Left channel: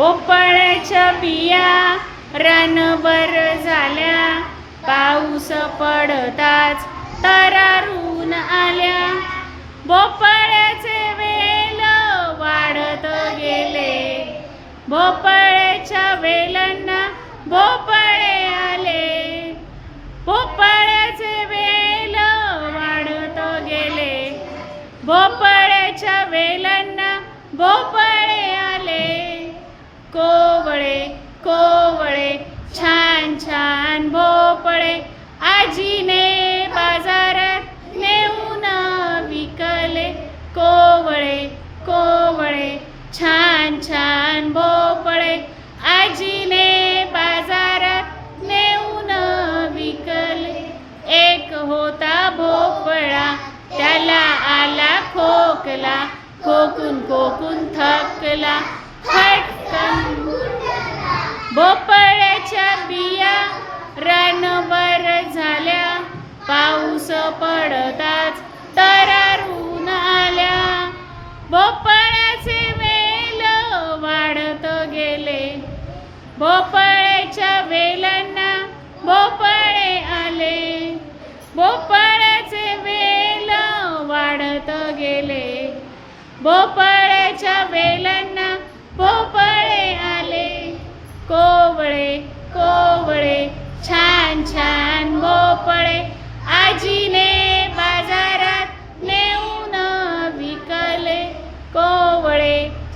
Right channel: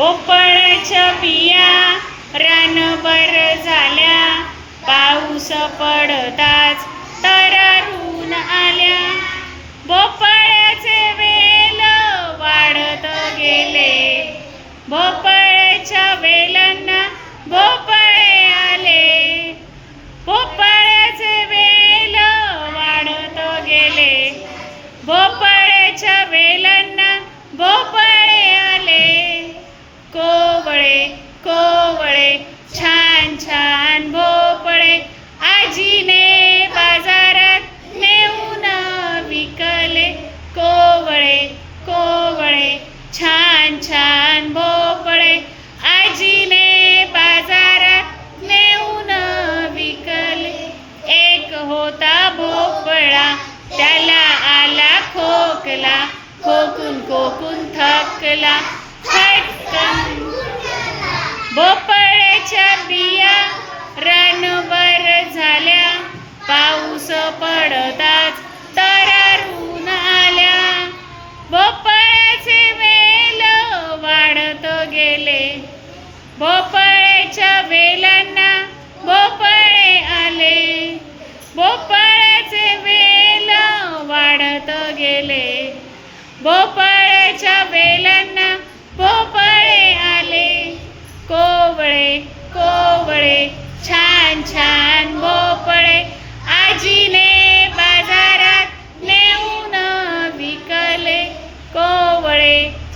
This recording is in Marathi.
भोपळ्याच्या बिया रानभर झाल्या, पाऊस पडताच तरारून आल्या. भोपळ्याचे वेल वाढत गेले, भोपळ्याच्या वेलांना भोपळे आले. भोपळ्याचे वेल वाढत गेले, भोपळ्याच्या वेलांना भोपळे आले. कोवळे कोवळे छान छान भोपळे आजीने बाजारात नेऊन विकले. कोवळे कोवळे छान छान भोपळे आजीने बाजारात नेऊन विकले. एक होता भोपळा त्याला आला खोकला, खोकून खोकून थकला. फटकन भोपळ्याच्या बिया रानभर झाल्या, पाऊस पडताच तरारून आल्या. भोपळ्याचे वेल वाढत गेले, भोपळ्याच्या वेलांना भोपळे आले. भोपळ्याचे वेल वाढत गेले, भोपळ्याच्या वेलांना भोपळे आले. कोवळे कोवळे छान छान भोपळे आजीने बाजारात नेऊन विकले. कोवळे